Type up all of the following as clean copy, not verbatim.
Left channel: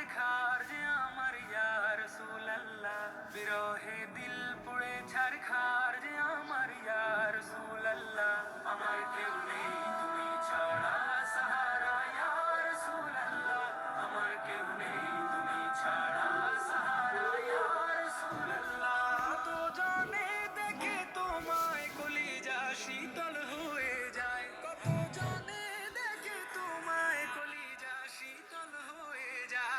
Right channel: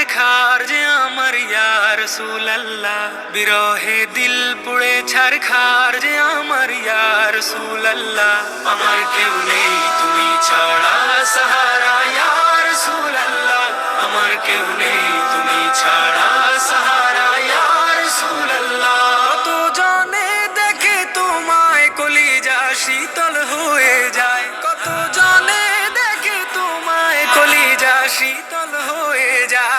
ছারখার যে আমার ইয়া রাসূলুল্লাহ, বিরহে দিল পুড়ে ছারখার যে আমার ইয়া রাসূলুল্লাহ। আমার কেউ নেই তুমি ছাড়া সাহারা ইয়া রাসূলুল্লাহ, আমার কেউ নেই তুমি ছাড়া সাহারা ইয়া রাসূলুল্লাহ। কত জনে দেখে তোমায় কলিজা শীতল হয়ে যায়, কত জনে দেখে তোমায় কলিজা শীতল হয়ে যায়।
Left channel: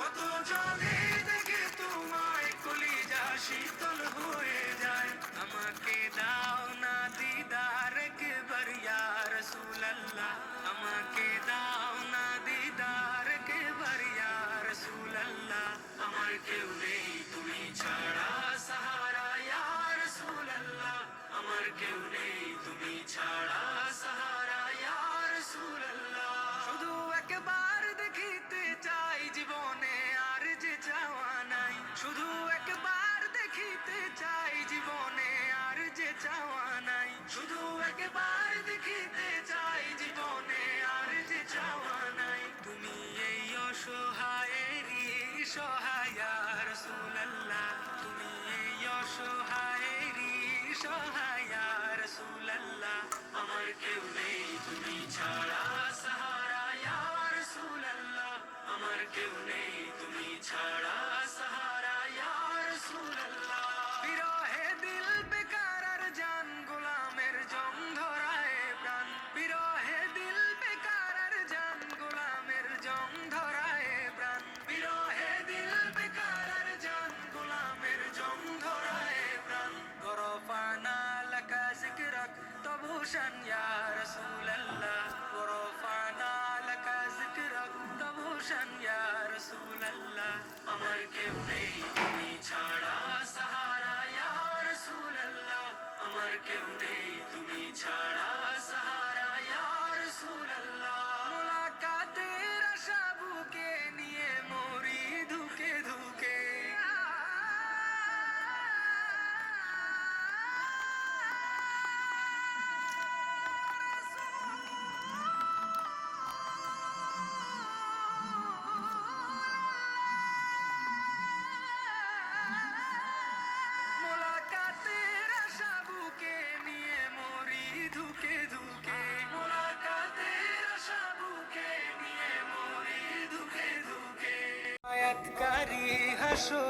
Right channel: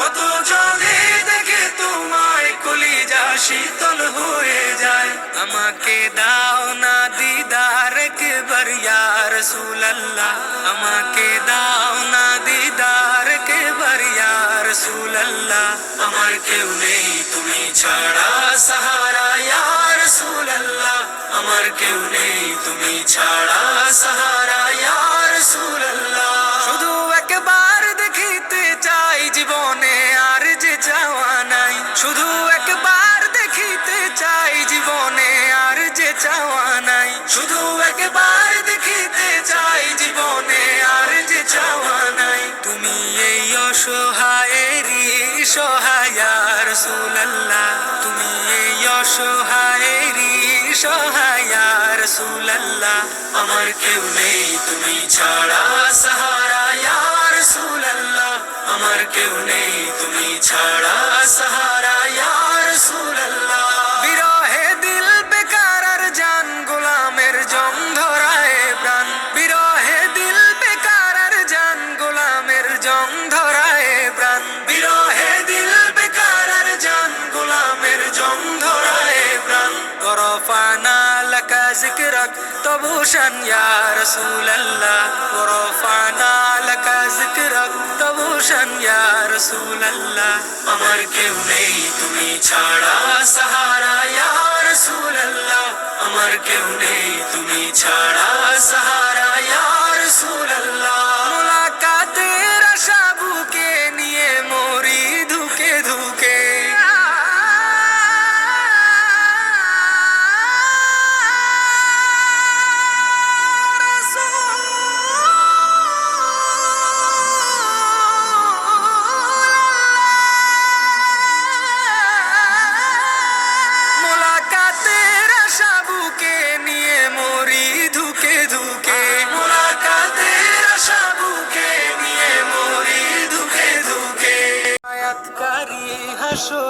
কত জনে দেখে তোমায় কলিজা শীতল হয়ে যায়। আমাকে দাও না দিদার একবার ইয়া রাসূলুল্লাহ, আমাকে দাও না দিদার একবার ইয়া রাসূলুল্লাহ। আমার কেউ নেই তুমি ছাড়া সাহারা ইয়া রাসূলুল্লাহ, আমার কেউ নেই তুমি ছাড়া সাহারা ইয়া রাসূলুল্লাহ। শুধু একবার দেখিতে চাই জীবনে আর যে চাওয়া নাই, শুধু একবার দেখিতে চাই জীবনে আর যে চাওয়া নাই, শুধু একবার দেখিতে চাই জীবনে আর যে চাওয়া নাই। তুমি এই অসহায়েরই সহায় ইয়া রাসূলুল্লাহ, তুমি এই অসহায়েরই সহায় ইয়া রাসূলুল্লাহ। আমার কেউ নেই তুমি ছাড়া সাহারা ইয়া রাসূলুল্লাহ, আমার কেউ নেই তুমি ছাড়া সাহারা ইয়া রাসূলুল্লাহ। বিরহে দিল বেকার আর জান গোলামের জং ধরায় প্রাণ, বিরহে দিল বেকার আর জান গোলামের জং ধরায় প্রাণ, বিরহে দিল বেকার আর জান গোলামের জং ধরায় প্রাণ। গরফানা লাকা যিকরাক তবুশান ইয়া রাসূলুল্লাহ, গরফানা লাকা যিকরাক তবুশান ইয়া রাসূলুল্লাহ। আমার কেউ নেই তুমি ছাড়া সাহারা ইয়া রাসূলুল্লাহ, আমার কেউ নেই তুমি ছাড়া সাহারা ইয়া রাসূলুল্লাহ। মুলাকাতের আশা বুকে নিয়ে মরি ধুকে ধুকে, মুলাকাতের আশা বুকে নিয়ে মরি ধুকে ধুকে, মুলাকাতের আশা বুকে নিয়ে মরি ধুকে ধুকে। আয়াতকারী হাসো